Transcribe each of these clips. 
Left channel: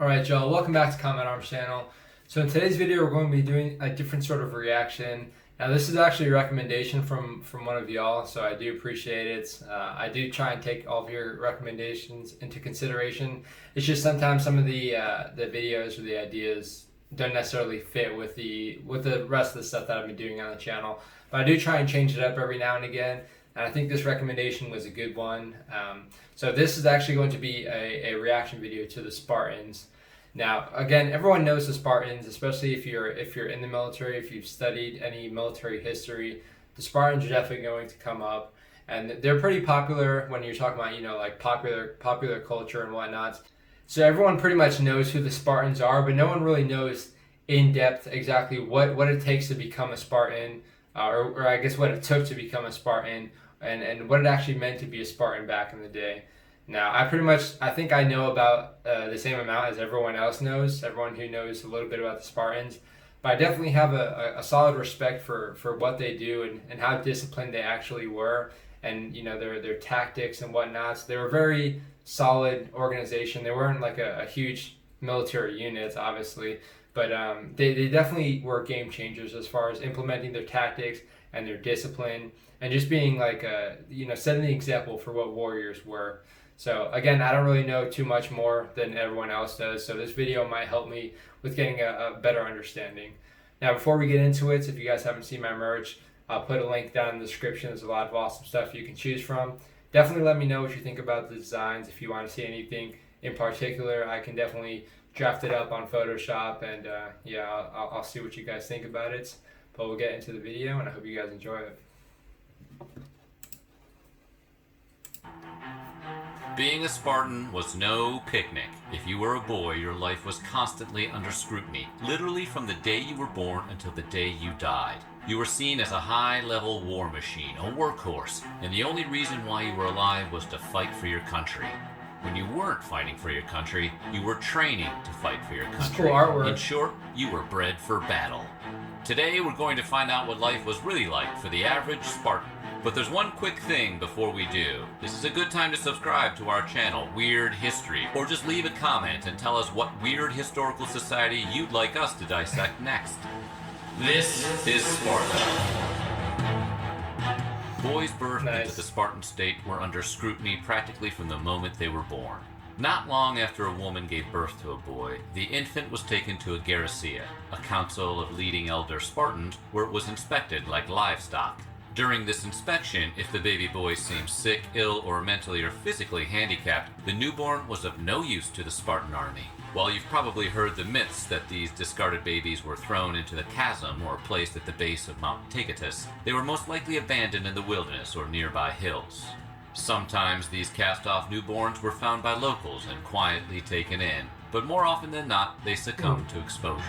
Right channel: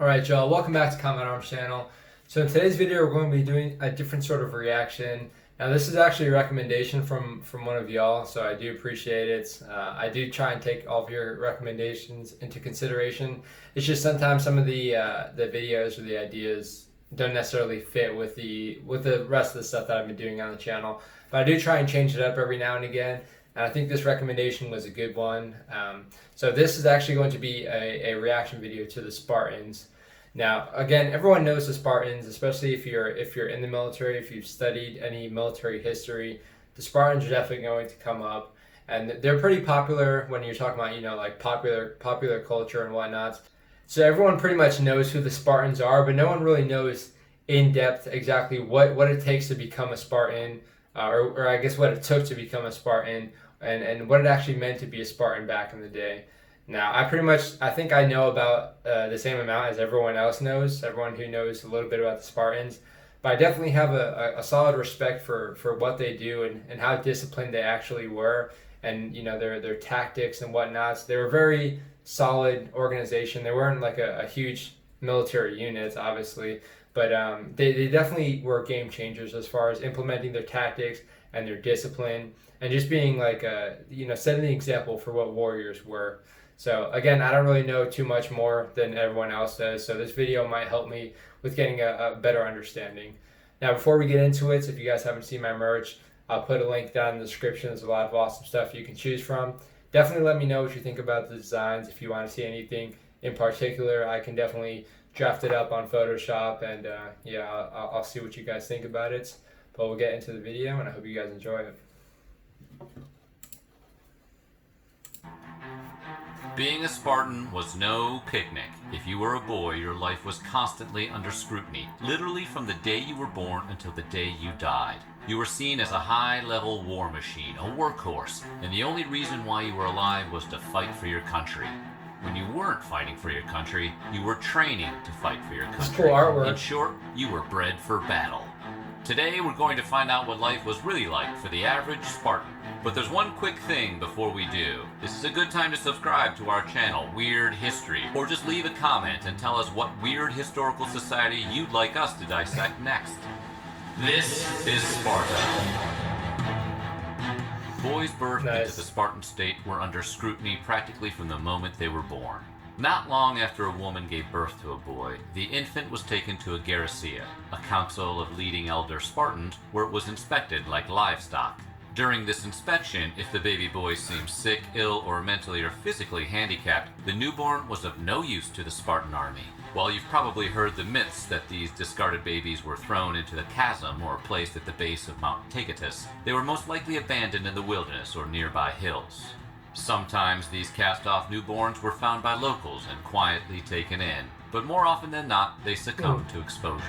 Alright y'all, welcome back to Combat Arms channel. So in today's video we're going to be doing a different sort of reaction. Now this is actually a recommendation from one of y'all, so I do appreciate it. I do try and take all of your recommendations into consideration. It's just sometimes some of the videos or the ideas don't necessarily fit with the rest of the stuff that I've been doing on the channel. But I do try and change it up every now and again. And I think this recommendation was a good one. So this is actually going to be a reaction video to the Spartans. Now, again, everyone knows the Spartans, especially if you're in the military, if you've studied any military history. The Spartans are definitely going to come up, and they're pretty popular when you're talking about, like popular culture and whatnot. So everyone pretty much knows who the Spartans are, but no one really knows in depth exactly what it takes to become a Spartan, or I guess what it took to become a Spartan, and what it actually meant to be a Spartan back in the day. Now, I think I know about the same amount as everyone else knows, everyone who knows a little bit about the Spartans, but I definitely have a solid respect for what they do and how disciplined they actually were, and their tactics and whatnots. They were a very solid organization. They weren't like a huge military unit, obviously, but they definitely were game changers as far as implementing their tactics and their discipline, and just being like setting the example for what warriors were. So again, I don't really know too much more than everyone else does, so this video might help me with getting a better understanding. Now, before we get into it, if you guys haven't seen my merch, I'll put a link down in the description. There's a lot of awesome stuff you can choose from. Definitely let me know what you think about the designs. If you want to see anything in particular, I can definitely draft it up on Photoshop, and I'll see what you guys think about it. But we'll get into the video, and I hope you guys enjoy it. Being a Spartan was no picnic. If you were a boy, your life was constantly under scrutiny, literally from the day you were born until the day you died. You were seen as a high-level war machine, a workhorse, and the only reason why you were alive was to fight for your country. When you weren't fighting for your country, you were training to fight for your country. Cool artwork. In short, you were bred for battle. Today, we're going to find out what life was really like for the average Spartan. But there's one quick thing before we do. This is a good time to subscribe to our channel, Weird History, or just leave a comment and tell us what weird historical society you'd like us to dissect next. This is Sparta. Boys birthed into the Spartan state were under scrutiny practically from the moment they were born. Not long after a woman gave birth to a boy, the infant was taken to a Scarcity, a council of leading elder Spartans, where it was inspected like livestock. During this inspection, if the baby boy seemed sick, ill, or mentally or physically handicapped, the newborn was of no use to the Spartan army. While you've probably heard the myths that these discarded babies were thrown into the chasm or placed at the base of Mount Taygetus, they were most likely abandoned in the wilderness or nearby hills. Sometimes these cast-off newborns were found by locals and quietly taken in, but more often than not, they succumbed to exposure.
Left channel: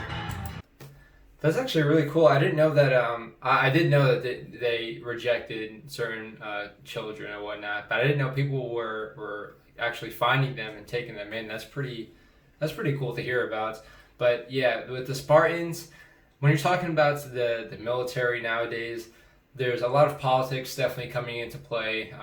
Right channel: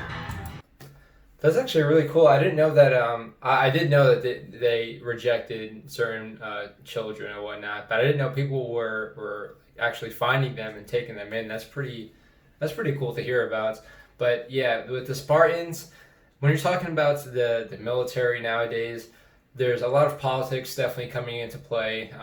That's actually really cool. I didn't know that. I did know that they rejected certain children and whatnot, but I didn't know people were actually finding them and taking them in. That's pretty cool to hear about. But yeah, with the Spartans, when you're talking about the military nowadays, there's a lot of politics definitely coming into play.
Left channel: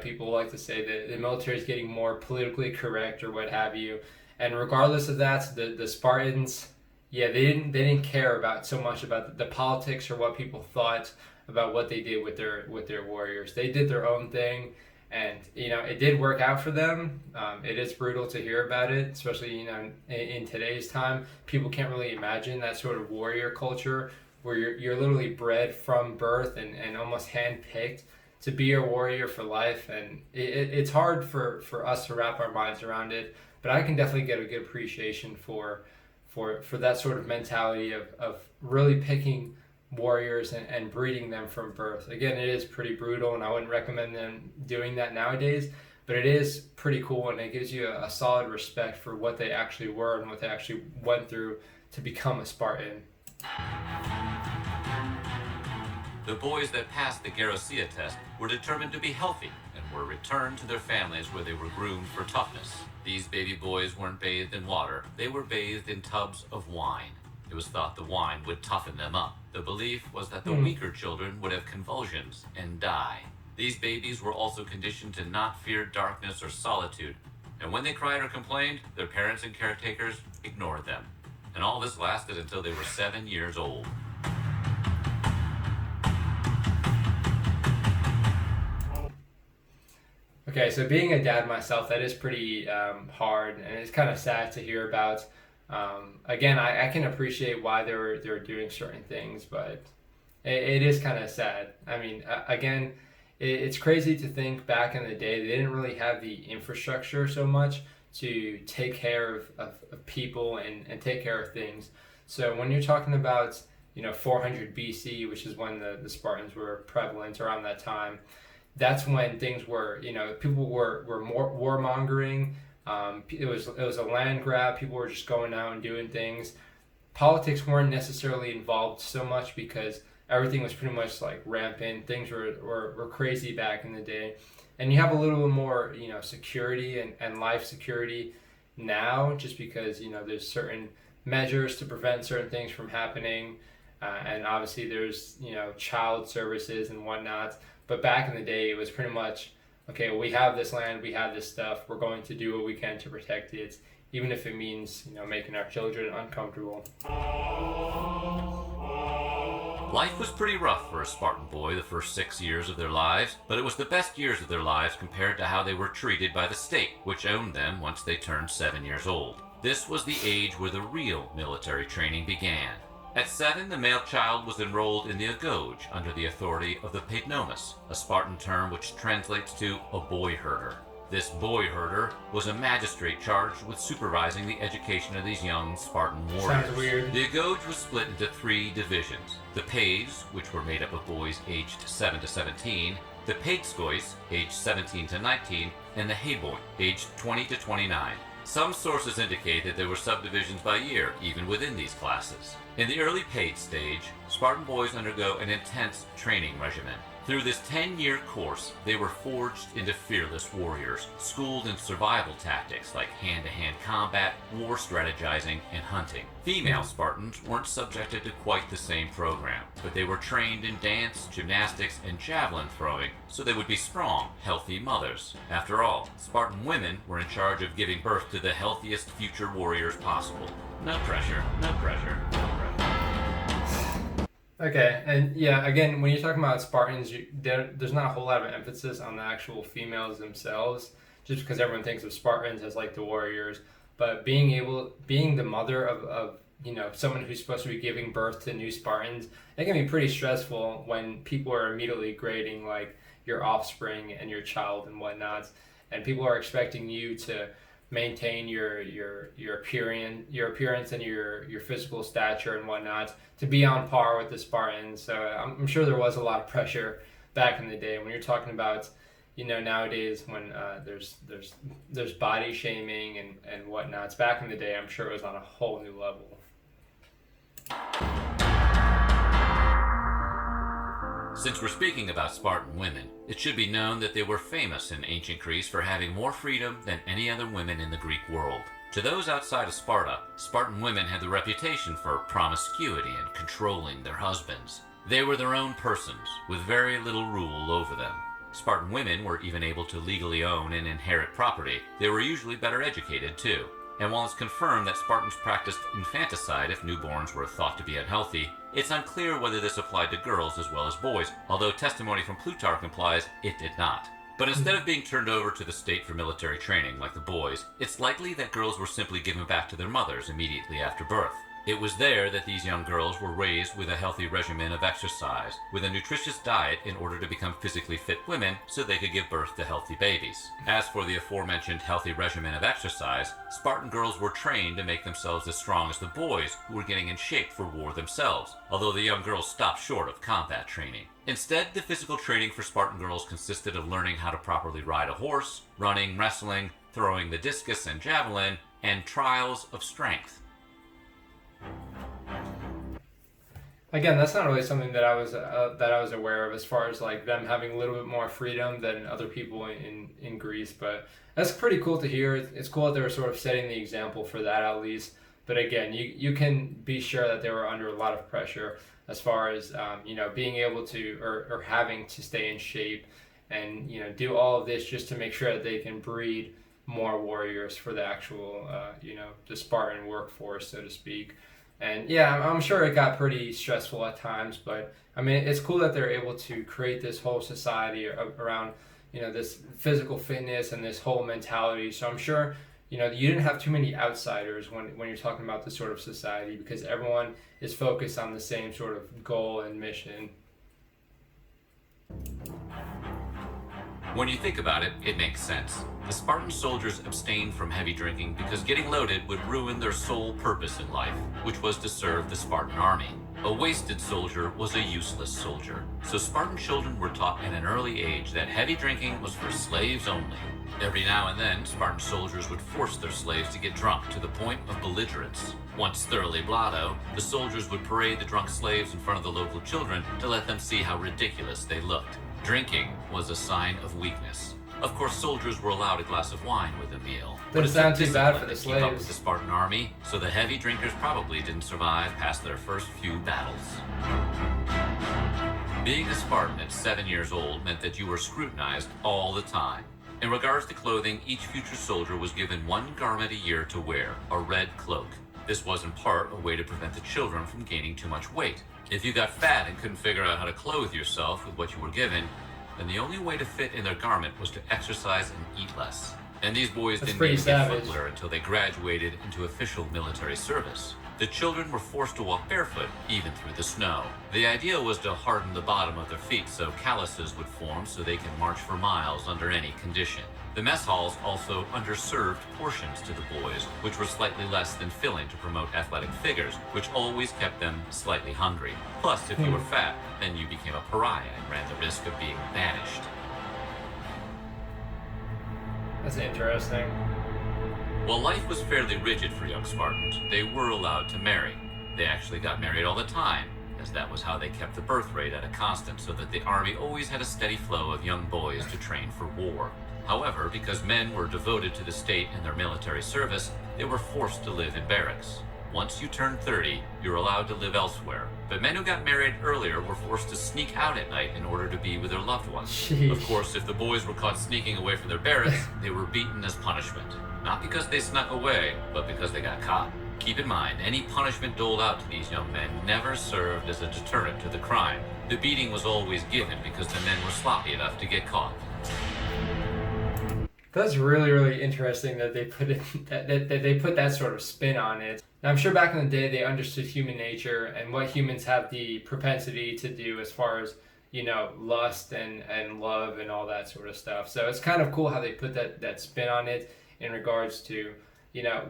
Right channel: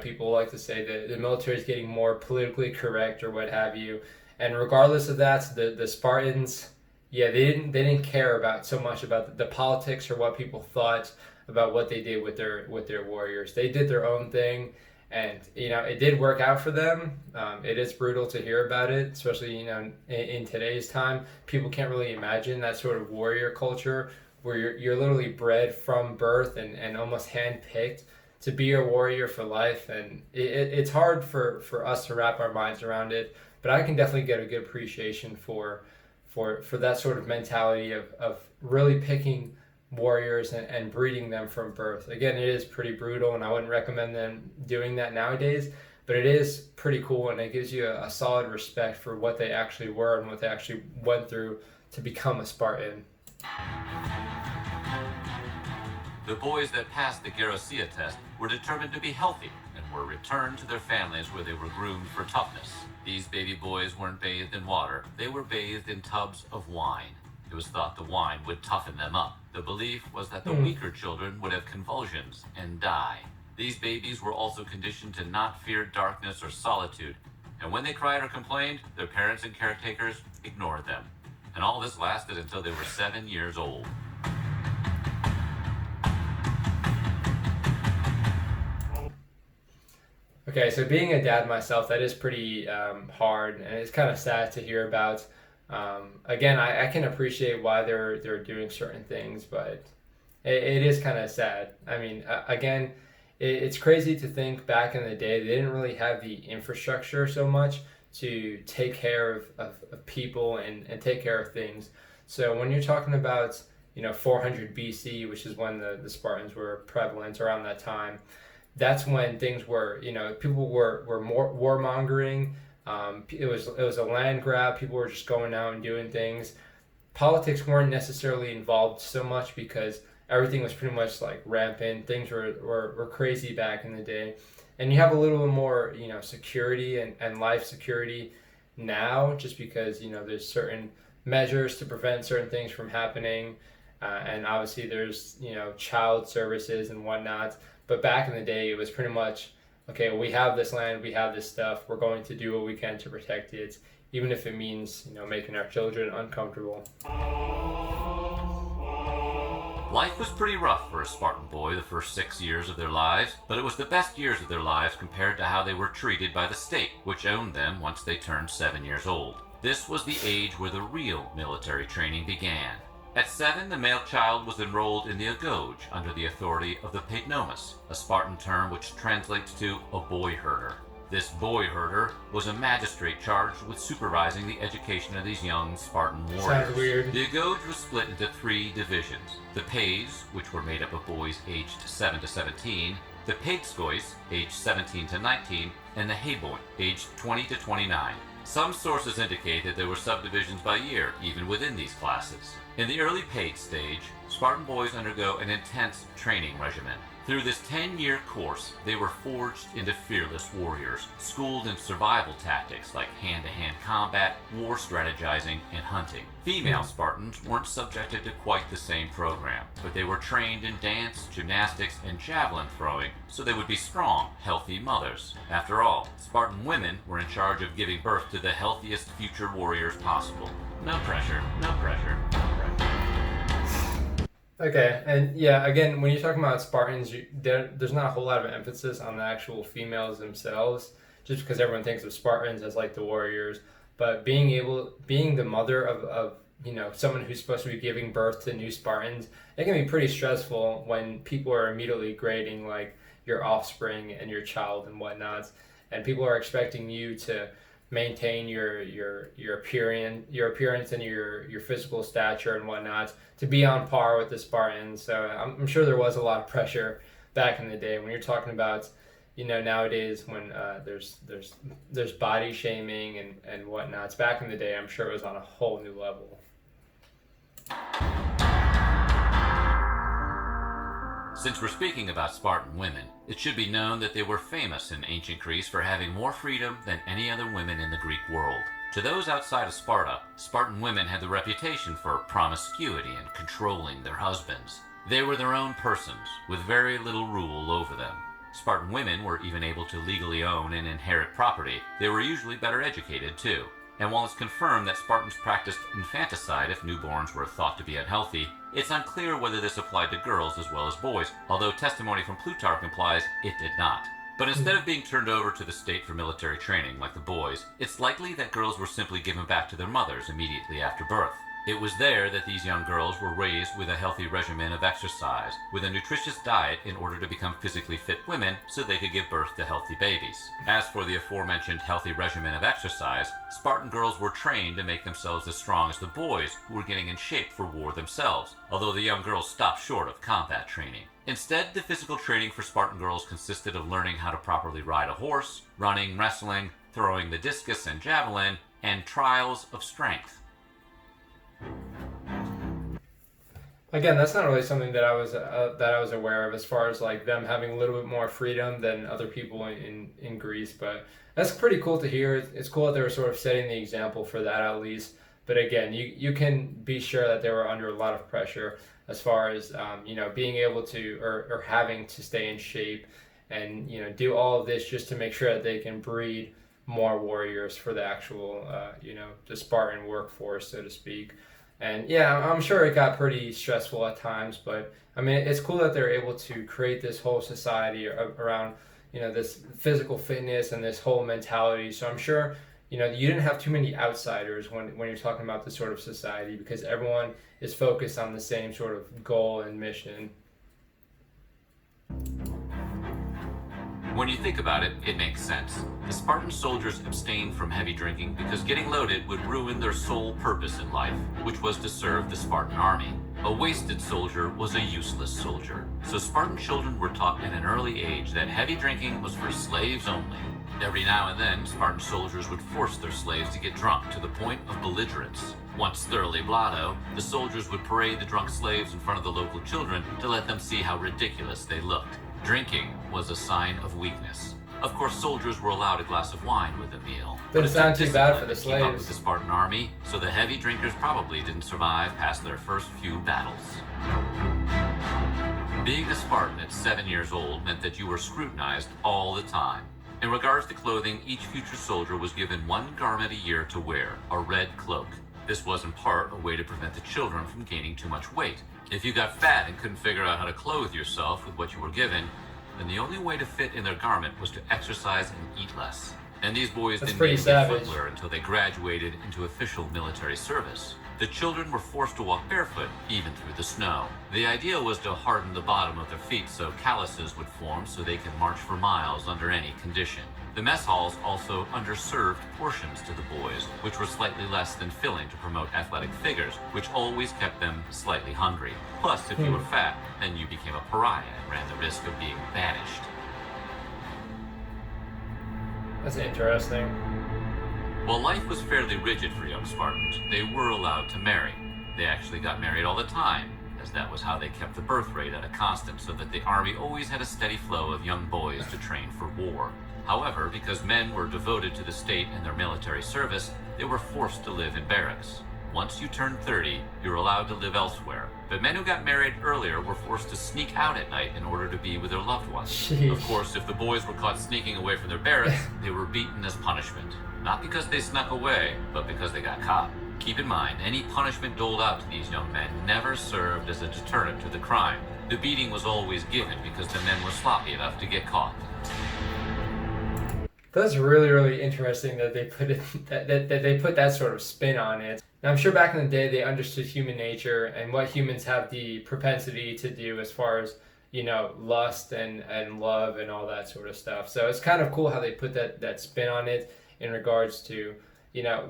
People like to say that the military is getting more politically correct or what have you, and regardless of that, the Spartans. Yeah, they didn't care about so much about the politics or what people thought about what they did with their warriors. They did their own thing, and it did work out for them. It is brutal to hear about it, especially in today's time. People can't really imagine that sort of warrior culture where you're literally bred from birth and almost handpicked to be a warrior for life, and it's hard for us to wrap our minds around it. But I can definitely get a good appreciation for that sort of mentality of really picking warriors and breeding them from birth. Again, it is pretty brutal, and I wouldn't recommend them doing that nowadays, but it is pretty cool, and it gives you a solid respect for what they actually were and what they actually went through to become a Spartan. The boys that passed the Scarcity test were determined to be healthy and were returned to their families where they were groomed for toughness. These baby boys weren't bathed in water, they were bathed in tubs of wine. It was thought the wine would toughen them up. The belief was that the weaker children would have convulsions and die. These babies were also conditioned to not fear darkness or solitude, and when they cried or complained, their parents and caretakers ignored them. And all this lasted until they were 7 years old. Okay, so being a dad myself, that is pretty hard, and it's kind of sad to hear about. Again, I can appreciate why they're doing certain things, but it is kind of sad. I mean, again, it's crazy to think back in the day they didn't really have the infrastructure so much to take care of people and take care of things. So when you're talking about 400 BC, which is when the Spartans were prevalent around that time, that's when things were, people were more warmongering. It was a land grab. People were just going out and doing things. Politics weren't necessarily involved so much because everything was pretty much like rampant. Things were crazy back in the day. And you have a little bit more, security and life security now, just because, there's certain measures to prevent certain things from happening. And obviously there's, child services and whatnot. But back in the day, it was pretty much, okay, we have this land, we have this stuff, we're going to do what we can to protect it, even if it means, making our children uncomfortable. Life was pretty rough for a Spartan boy the first 6 years of their lives, but it was the best years of their lives compared to how they were treated by the state, which owned them once they turned 7 years old. This was the age where the real military training began. At 7, the male child was enrolled in the Agoge under the authority of the paidnomas, a Spartan term which translates to a boy herder. This boy herder was a magistrate charged with supervising the education of these young Spartan warriors. Sounds weird. The Agoge was split into 3 divisions. The Paids, which were made up of boys aged 7 to 17, the Paidskois, aged 17 to 19, and the Heboi, aged 20 to 29. Some sources indicate that there were subdivisions by year, even within these classes. In the early paid stage, Spartan boys undergo an intense training regimen. Through this 10-year course, they were forged into fearless warriors, schooled in survival tactics like hand-to-hand combat, war strategizing, and hunting. Female Spartans weren't subjected to quite the same program, but they were trained in dance, gymnastics, and javelin throwing, so they would be strong, healthy mothers. After all, Spartan women were in charge of giving birth to the healthiest future warriors possible. No pressure, no pressure, no pressure. Okay, and yeah, again, when you're talking about Spartans, there's not a whole lot of emphasis on the actual females themselves, just because everyone thinks of Spartans as like the warriors. But being the mother of someone who's supposed to be giving birth to new Spartans, it can be pretty stressful when people are immediately grading like your offspring and your child and whatnot, and people are expecting you to maintain your appearance and your physical stature and whatnot to be on par with the Spartans. So I'm sure there was a lot of pressure back in the day when you're talking about nowadays when there's body shaming and whatnot. Back in the day, I'm sure it was on a whole new level. Since we're speaking about Spartan women, it should be known that they were famous in ancient Greece for having more freedom than any other women in the Greek world. To those outside of Sparta, Spartan women had the reputation for promiscuity and controlling their husbands. They were their own persons, with very little rule over them. Spartan women were even able to legally own and inherit property. They were usually better educated too. And while it's confirmed that Spartans practiced infanticide if newborns were thought to be unhealthy, it's unclear whether this applied to girls as well as boys, although testimony from Plutarch implies it did not. But instead of being turned over to the state for military training like the boys, it's likely that girls were simply given back to their mothers immediately after birth. It was there that these young girls were raised with a healthy regimen of exercise, with a nutritious diet in order to become physically fit women so they could give birth to healthy babies. As for the aforementioned healthy regimen of exercise, Spartan girls were trained to make themselves as strong as the boys who were getting in shape for war themselves, although the young girls stopped short of combat training. Instead, the physical training for Spartan girls consisted of learning how to properly ride a horse, running, wrestling, throwing the discus and javelin, and trials of strength. Again, that's not really something that I was aware of as far as like them having a little bit more freedom than other people in Greece. But that's pretty cool to hear. It's cool that they were sort of setting the example for that at least. But again, you can be sure that they were under a lot of pressure as far as being able to or having to stay in shape and do all of this just to make sure that they can breed more warriors for the actual, the Spartan workforce, so to speak. And yeah, I'm sure it got pretty stressful at times, but I mean, it's cool that they're able to create this whole society around, this physical fitness and this whole mentality. So I'm sure, you didn't have too many outsiders when you're talking about this sort of society, because everyone is focused on the same sort of goal and mission. When you think about it, it makes sense. The Spartan soldiers abstained from heavy drinking because getting loaded would ruin their sole purpose in life, which was to serve the Spartan army. A wasted soldier was a useless soldier, so Spartan children were taught at an early age that heavy drinking was for slaves only. Every now and then, Spartan soldiers would force their slaves to get drunk to the point of belligerence. Once thoroughly blotto, the soldiers would parade the drunk slaves in front of the local children to let them see how ridiculous they looked. Drinking was a sign of weakness. Of course, soldiers were allowed a glass of wine with a meal. But it's not too bad for the slaves. Keep up with the Spartan army, so the heavy drinkers probably didn't survive past their first few battles. Being a Spartan at 7 years old meant that you were scrutinized all the time. In regards to clothing, each future soldier was given one garment a year to wear, a red cloak. This was in part a way to prevent the children from gaining too much weight. If you got fat and couldn't figure out how to clothe yourself with what you were given, then the only way to fit in their garment was to exercise and eat less. And these boys didn't even get footwear until they graduated into official military service. The children were forced to walk barefoot, even through the snow. The idea was to harden the bottom of their feet so calluses would form so they could march for miles under any condition. The mess halls also underserved portions to the boys, which were slightly less than filling to promote athletic figures, which always kept them slightly hungry. Plus, if you were fat, then you became a pariah and ran the risk of being banished. That's interesting. While life was fairly rigid for young Spartans, they were allowed to marry. They actually got married all the time, as that was how they kept the birth rate at a constant so that the army always had a steady flow of young boys to train for war. However, because men were devoted to the state and their military service, they were forced to live in barracks. Once you turned 30, you're allowed to live elsewhere. But men who got married earlier were forced to sneak out at night in order to be with their loved ones. Jeez. Of course, if the boys were caught sneaking away from their barracks, they were beaten as punishment. Not because they snuck away, but because they got caught. Keep in mind, any punishment doled out to these young men never served as a deterrent to the crime. The beating was always given because the men were sloppy enough to get caught. That's really, really interesting that they put it that they put that sort of spin on it. Now, I'm sure back in the day they understood human nature and what humans have the propensity to do as far as, lust and love and all that sort of stuff. So it's kind of cool how they put that spin on it in regards to,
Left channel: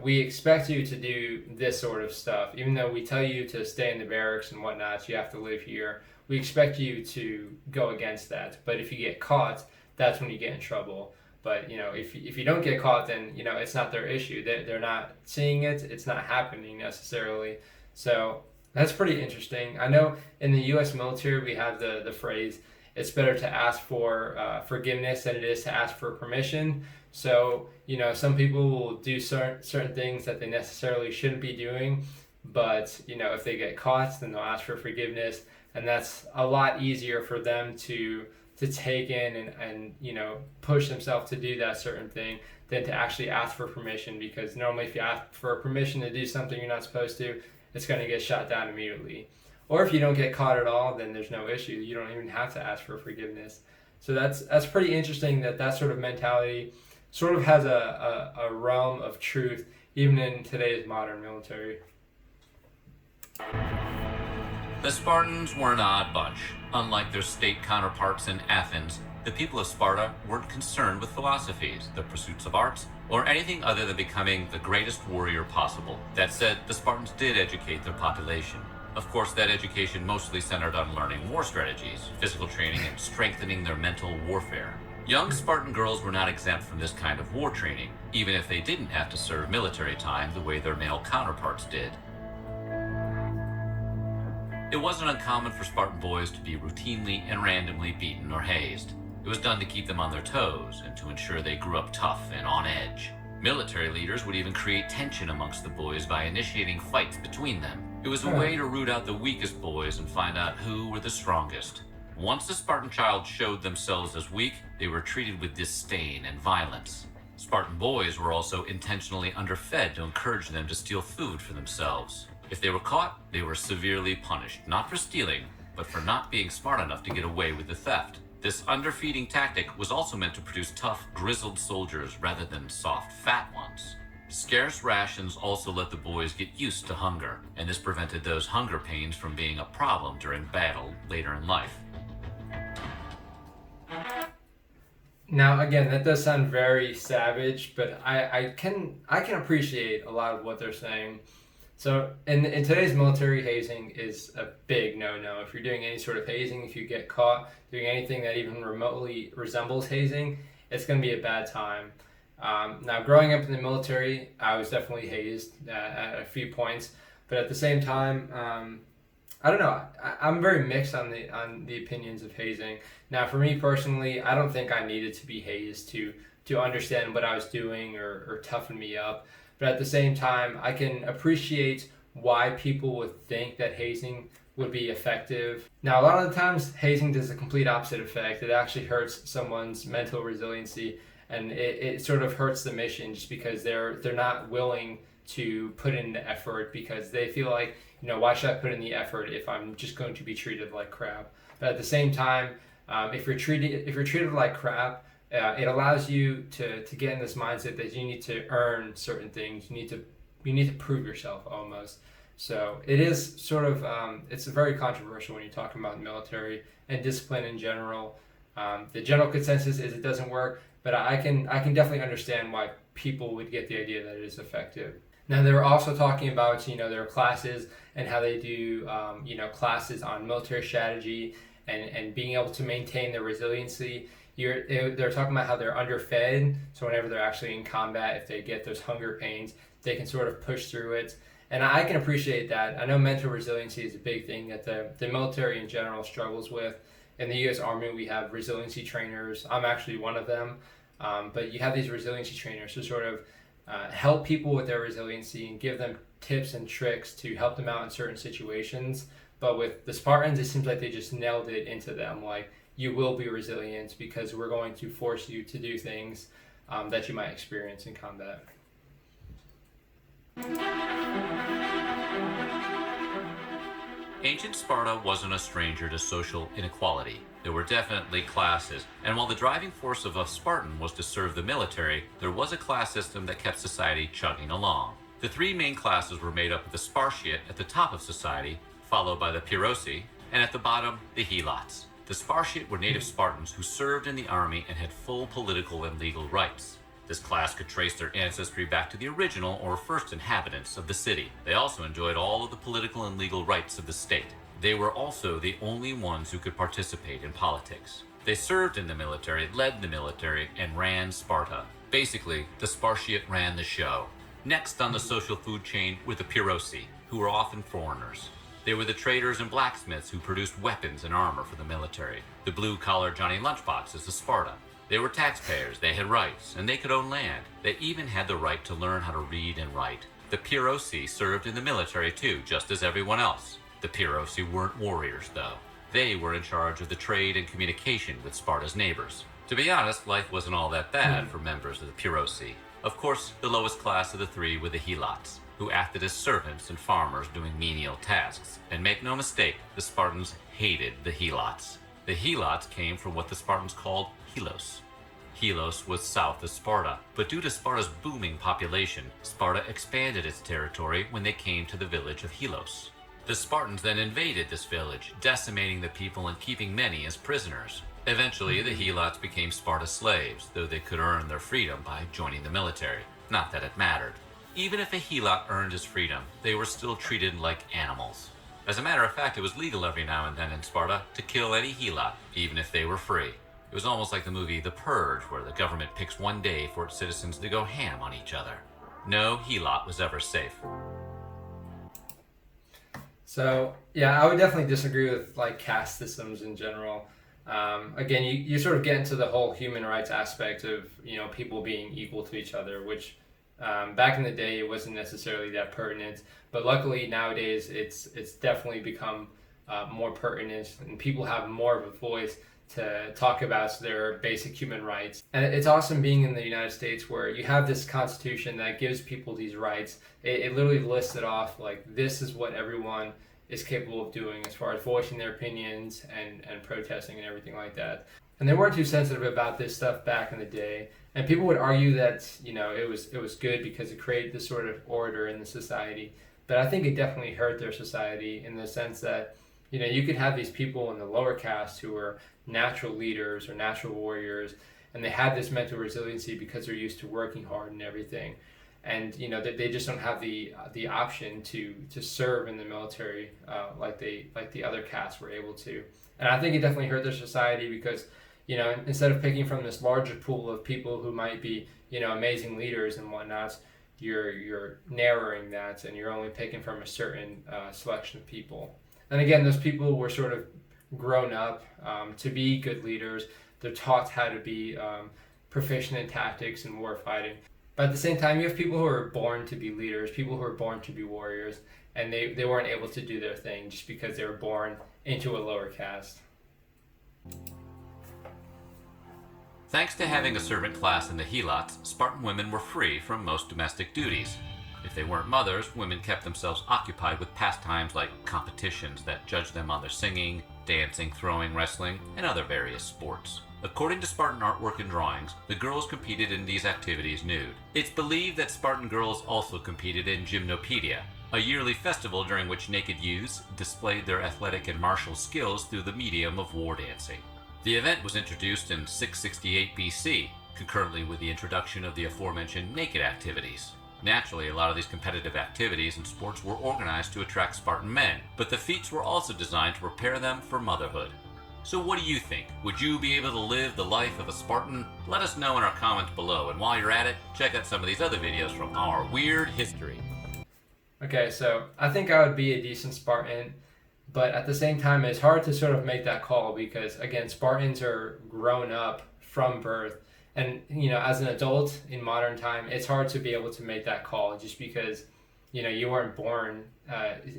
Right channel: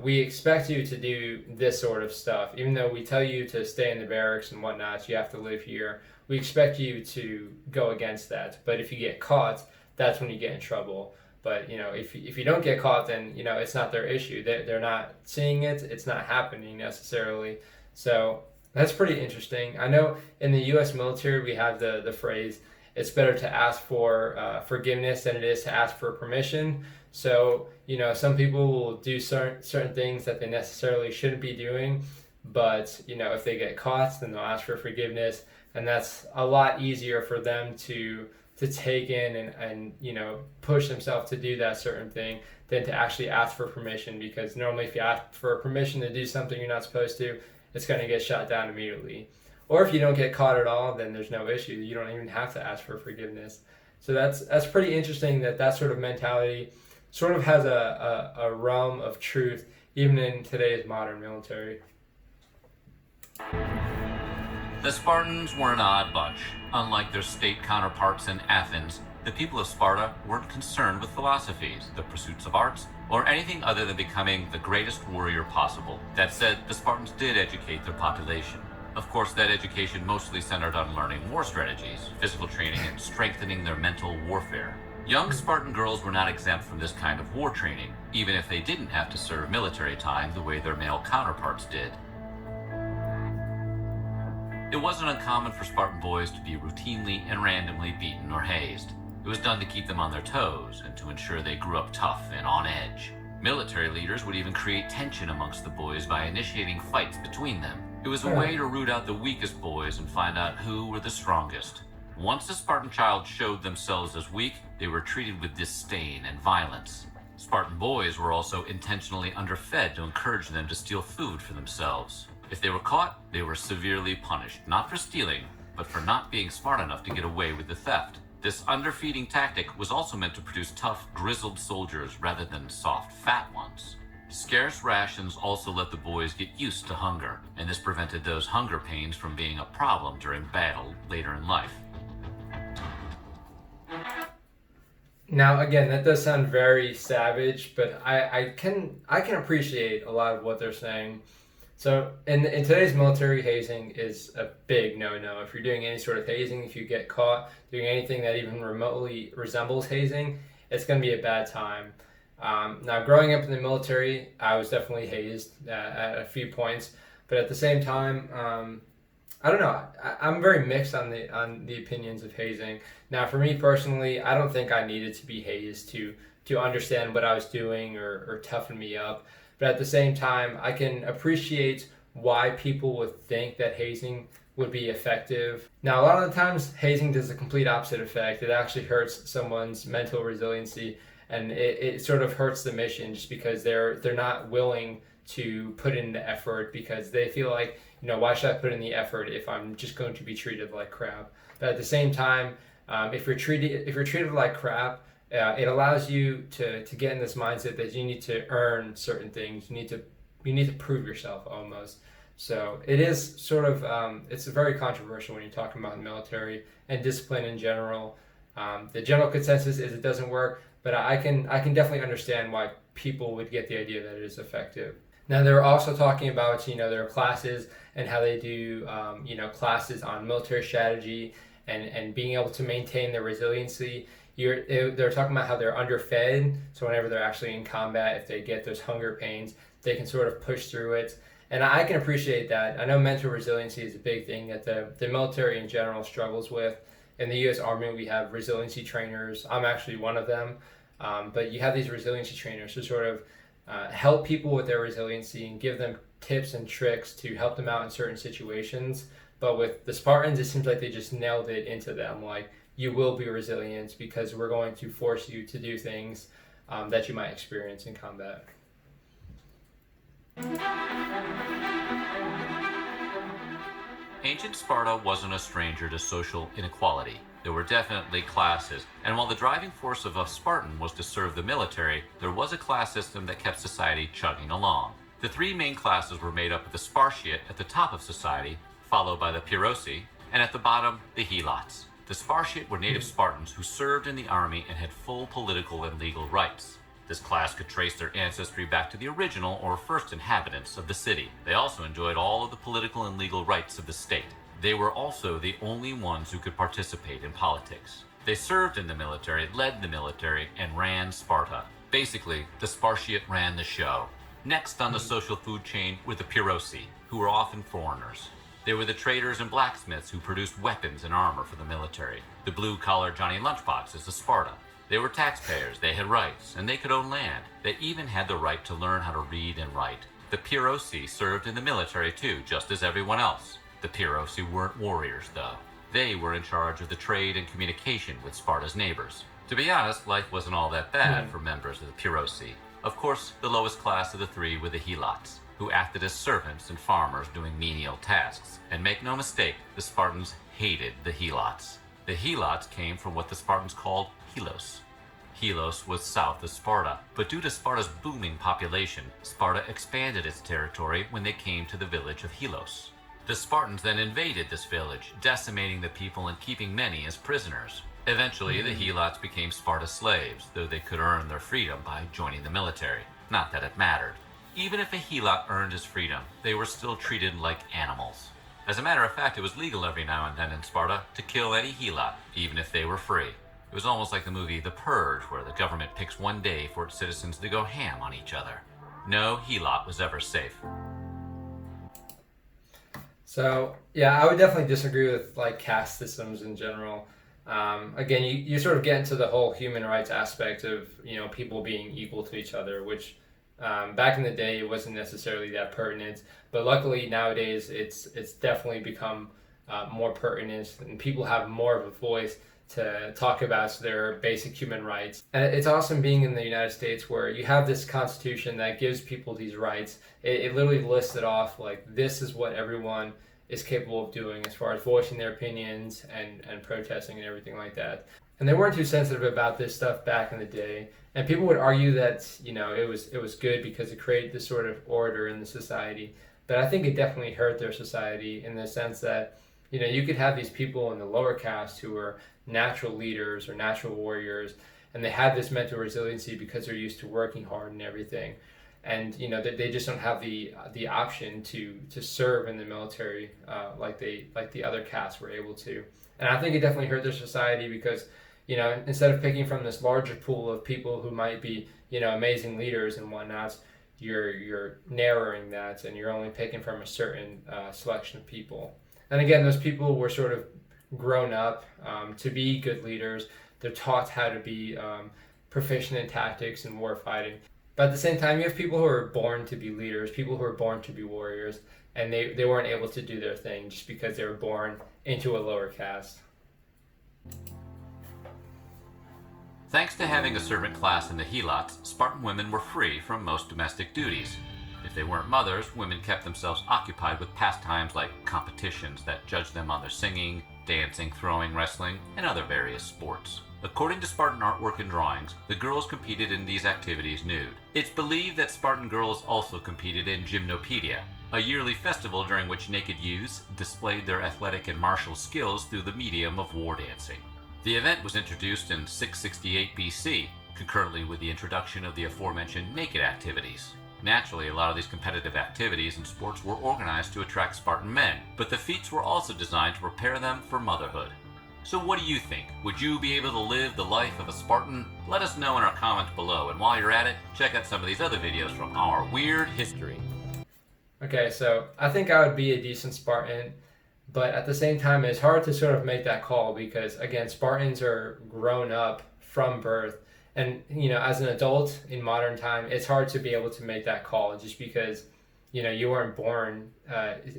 we expect you to do this sort of stuff. Even though we tell you to stay in the barracks and whatnot, you have to live here. We expect you to go against that. But if you get caught, that's when you get in trouble. But, if you don't get caught, then, it's not their issue. They're not seeing it. It's not happening necessarily. So that's pretty interesting. I know in the U.S. military, we have the phrase, it's better to ask for forgiveness than it is to ask for permission. So, some people will do certain things that they necessarily shouldn't be doing. But, if they get caught, then they'll ask for forgiveness. And that's a lot easier for them to take in and push themselves to do that certain thing than to actually ask for permission, because normally if you ask for permission to do something you're not supposed to, it's going to get shot down immediately. Or if you don't get caught at all, then there's no issue. You don't even have to ask for forgiveness. So that's pretty interesting that sort of mentality sort of has a realm of truth even in today's modern military. The Spartans were an odd bunch. Unlike their state counterparts in Athens, the people of Sparta weren't concerned with philosophies, the pursuits of arts, or anything other than becoming the greatest warrior possible. That said, the Spartans did educate their population. Of course, that education mostly centered on learning war strategies, physical training, and strengthening their mental warfare. Young Spartan girls were not exempt from this kind of war training, even if they didn't have to serve military time the way their male counterparts did. It wasn't uncommon for Spartan boys to be routinely and randomly beaten or hazed. It was done to keep them on their toes and to ensure they grew up tough and on edge. Military leaders would even create tension amongst the boys by initiating fights between them. It was a way to root out the weakest boys and find out who were the strongest. Once a Spartan child showed themselves as weak, they were treated with disdain and violence. Spartan boys were also intentionally underfed to encourage them to steal food for themselves. If they were caught, they were severely punished, not for stealing, but for not being smart enough to get away with the theft. This underfeeding tactic was also meant to produce tough, grizzled soldiers rather than soft, fat ones. Scarce rations also let the boys get used to hunger, and this prevented those hunger pains from being a problem during battle later in life. Now, again, that does sound very savage, but I can appreciate a lot of what they're saying. So in today's military, hazing is a big no-no. If you're doing any sort of hazing, if you get caught doing anything that even remotely resembles hazing, it's going to be a bad time. Now, growing up in the military, I was definitely hazed at a few points, but at the same time, I don't know. I'm very mixed on the opinions of hazing. Now, for me personally, I don't think I needed to be hazed to understand what I was doing or toughen me up. But at the same time, I can appreciate why people would think that hazing would be effective. Now, a lot of the times, hazing does the complete opposite effect. It actually hurts someone's mental resiliency, and it sort of hurts the mission just because they're not willing to put in the effort because they feel like, why should I put in the effort if I'm just going to be treated like crap? But at the same time, if you're treated like crap, it allows you to get in this mindset that you need to earn certain things. You need to prove yourself almost. So it is sort of it's very controversial when you're talking about the military and discipline in general. The general consensus is it doesn't work, but I can definitely understand why people would get the idea that it is effective. Now, they're also talking about, their classes and how they do, classes on military strategy and being able to maintain their resiliency. They're talking about how they're underfed, so whenever they're actually in combat, if they get those hunger pains, they can sort of push through it. And I can appreciate that. I know mental resiliency is a big thing that the military in general struggles with. In the U.S. Army, we have resiliency trainers. I'm actually one of them. But you have these resiliency trainers who sort of help people with their resiliency and give them tips and tricks to help them out in certain situations. But with the Spartans, it seems like they just nailed it into them. Like, you will be resilient because we're going to force you to do things that you might experience in combat. Ancient Sparta wasn't a stranger to social inequality. There were definitely classes, and while the driving force of a Spartan was to serve the military, there was a class system that kept society chugging along. The three main classes were made up of the Spartiate at the top of society, followed by the Pyrrhosi, and at the bottom, the Helots. The Spartiate were native Spartans who served in the army and had full political and legal rights. This class could trace their ancestry back to the original or first inhabitants of the city. They also enjoyed all of the political and legal rights of the state. They were also the only ones who could participate in politics. They served in the military, led the military, and ran Sparta. Basically, the Spartiate ran the show. Next on the social food chain were the Pyrrhosi, who were often foreigners. They were the traders and blacksmiths who produced weapons and armor for the military. The blue-collar Johnny Lunchboxes of Sparta. They were taxpayers, they had rights, and they could own land. They even had the right to learn how to read and write. The Pyrrhosi served in the military too, just as everyone else. The Pyrrhosi weren't warriors, though. They were in charge of the trade and communication with Sparta's neighbors. To be honest, life wasn't all that bad for members of the Pyrrhosi. Of course, the lowest class of the three were the Helots, who acted as servants and farmers doing menial tasks. And make no mistake, the Spartans hated the Helots. The Helots came from what the Spartans called Helos. Helos was south of Sparta, but due to Sparta's booming population, Sparta expanded its territory when they came to the village of Helos. The Spartans then invaded this village, decimating the people and keeping many as prisoners. Eventually, the Helots became Sparta's slaves, though they could earn their freedom by joining the military. Not that it mattered. Even if a Helot earned his freedom, they were still treated like animals. As a matter of fact, it was legal every now and then in Sparta to kill any Helot, even if they were free. It was almost like the movie The Purge, where the government picks one day for its citizens to go ham on each other. No Helot was ever safe. So, yeah, I would definitely disagree with caste systems in general. Again, you sort of get into the whole human rights aspect of people being equal to each other, which back in the day it wasn't necessarily that pertinent, but luckily nowadays it's definitely become more pertinent, and people have more of a voice to talk about their basic human rights. And it's awesome being in the United States where you have this constitution that gives people these rights. It literally lists it off like this is what everyone is capable of doing as far as voicing their opinions and protesting and everything like that. And they weren't too sensitive about this stuff back in the day. And people would argue that, you know, it was good because it created this sort of order in the society. But I think it definitely hurt their society in the sense that, you know, you could have these people in the lower caste who were natural leaders or natural warriors, and they had this mental resiliency because they're used to working hard and everything. And, you know, they just don't have the option to serve in the military like the other castes were able to. And I think it definitely hurt their society because, you know, instead of picking from this larger pool of people who might be, you know, amazing leaders and whatnot, you're narrowing that and you're only picking from a certain selection of people. And again, those people were sort of grown up to be good leaders. They're taught how to be proficient in tactics and war fighting. But at the same time, you have people who are born to be leaders, people who are born to be warriors, and they weren't able to do their thing just because they were born into a lower caste. Thanks to having a servant class in the helots, Spartan women were free from most domestic duties. If they weren't mothers, women kept themselves occupied with pastimes like competitions that judged them on their singing, dancing, throwing, wrestling, and other various sports. According to Spartan artwork and drawings, the girls competed in these activities nude. It's believed that Spartan girls also competed in Gymnopedia, a yearly festival during which naked youths displayed their athletic and martial skills through the medium of war dancing. The event was introduced in 668 BC, concurrently with the introduction of the aforementioned naked activities. Naturally, a lot of these competitive activities and sports were organized to attract Spartan men, but the feats were also designed to prepare them for motherhood. So what do you think? Would you be able to live the life of a Spartan? Let us know in our comments below, and while you're at it, check out some of these other videos from our weird history. Okay, so I think I would be a decent Spartan, but at the same time, it's hard to sort of make that call because, again, Spartans are grown up from birth. And, you know, as an adult in modern time, it's hard to be able to make that call just because, you know, you weren't born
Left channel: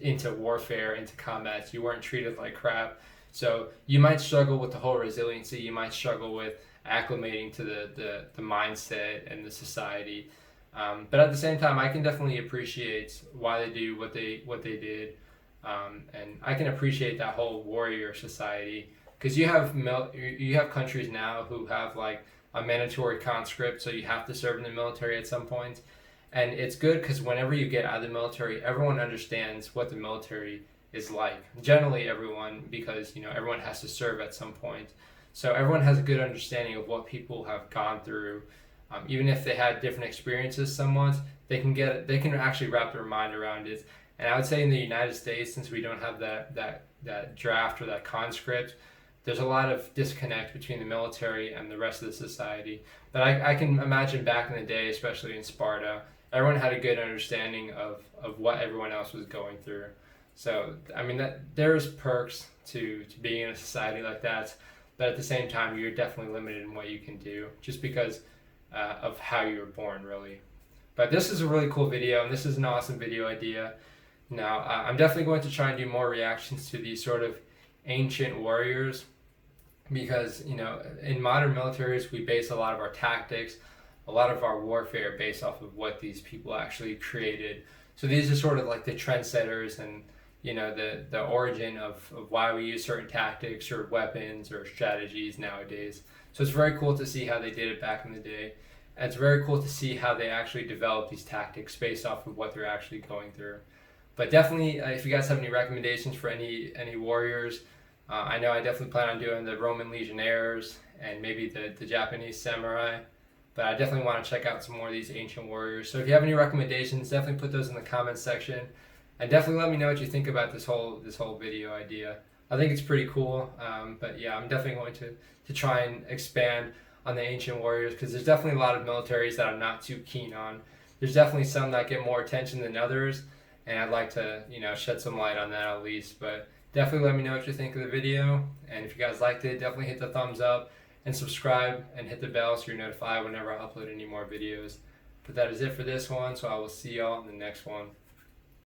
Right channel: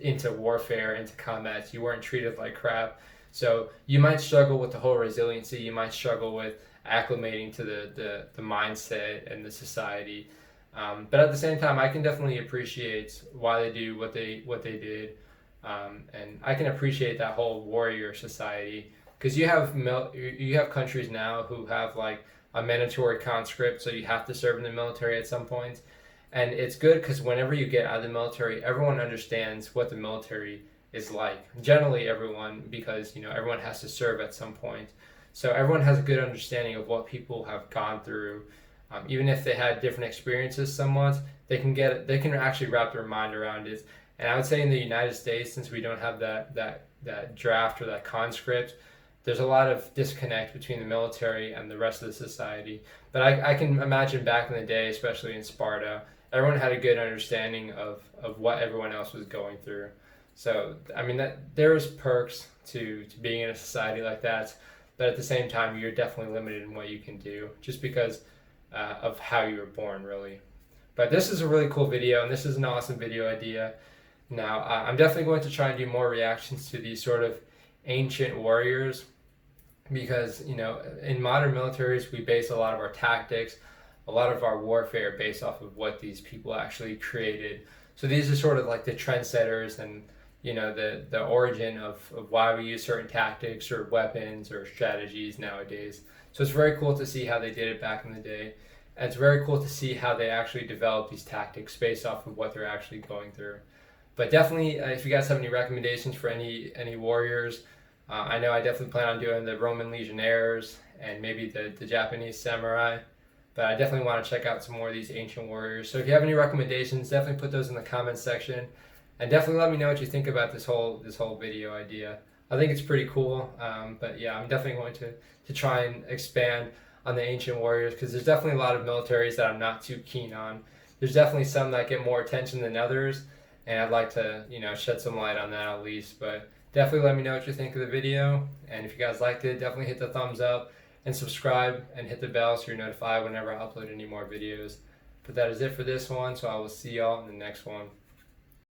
into warfare, into combat. You weren't treated like crap. So you might struggle with the whole resiliency. You might struggle with acclimating to the mindset and the society. But at the same time, I can definitely appreciate why they do what they did. And I can appreciate that whole warrior society because you have countries now who have like a mandatory conscript, so you have to serve in the military at some point. And it's good because whenever you get out of the military, everyone understands what the military is like. Generally everyone, because, you know, everyone has to serve at some point. So everyone has a good understanding of what people have gone through. Even if they had different experiences somewhat, they can actually wrap their mind around it. And I would say in the United States, since we don't have that draft or that conscript, there's a lot of disconnect between the military and the rest of the society. But I can imagine back in the day, especially in Sparta, everyone had a good understanding of what everyone else was going through. So, I mean, there's perks to being in a society like that, but at the same time, you're definitely limited in what you can do just because of how you were born, really. But this is a really cool video, and this is an awesome video idea. Now, I'm definitely going to try and do more reactions to these sort of ancient warriors because, you know, in modern militaries, we base a lot of our tactics, a lot of our warfare based off of what these people actually created. So these are sort of like the trendsetters and, you know, the origin of why we use certain tactics or weapons or strategies nowadays. So it's very cool to see how they did it back in the day. And it's very cool to see how they actually developed these tactics based off of what they're actually going through. But definitely, if you guys have any recommendations for any warriors, I know I definitely plan on doing the Roman legionnaires and maybe the Japanese samurai. But I definitely want to check out some more of these ancient warriors. So if you have any recommendations, definitely put those in the comments section. And definitely let me know what you think about this whole video idea. I think it's pretty cool. But yeah, I'm definitely going to try and expand on the ancient warriors because there's definitely a lot of militaries that I'm not too keen on. There's definitely some that get more attention than others. And I'd like to, you know, shed some light on that at least. But definitely let me know what you think of the video. And if you guys liked it, definitely hit the thumbs up and subscribe and hit the bell so you're notified whenever I upload any more videos. But that is it for this one, so I will see y'all in the next one.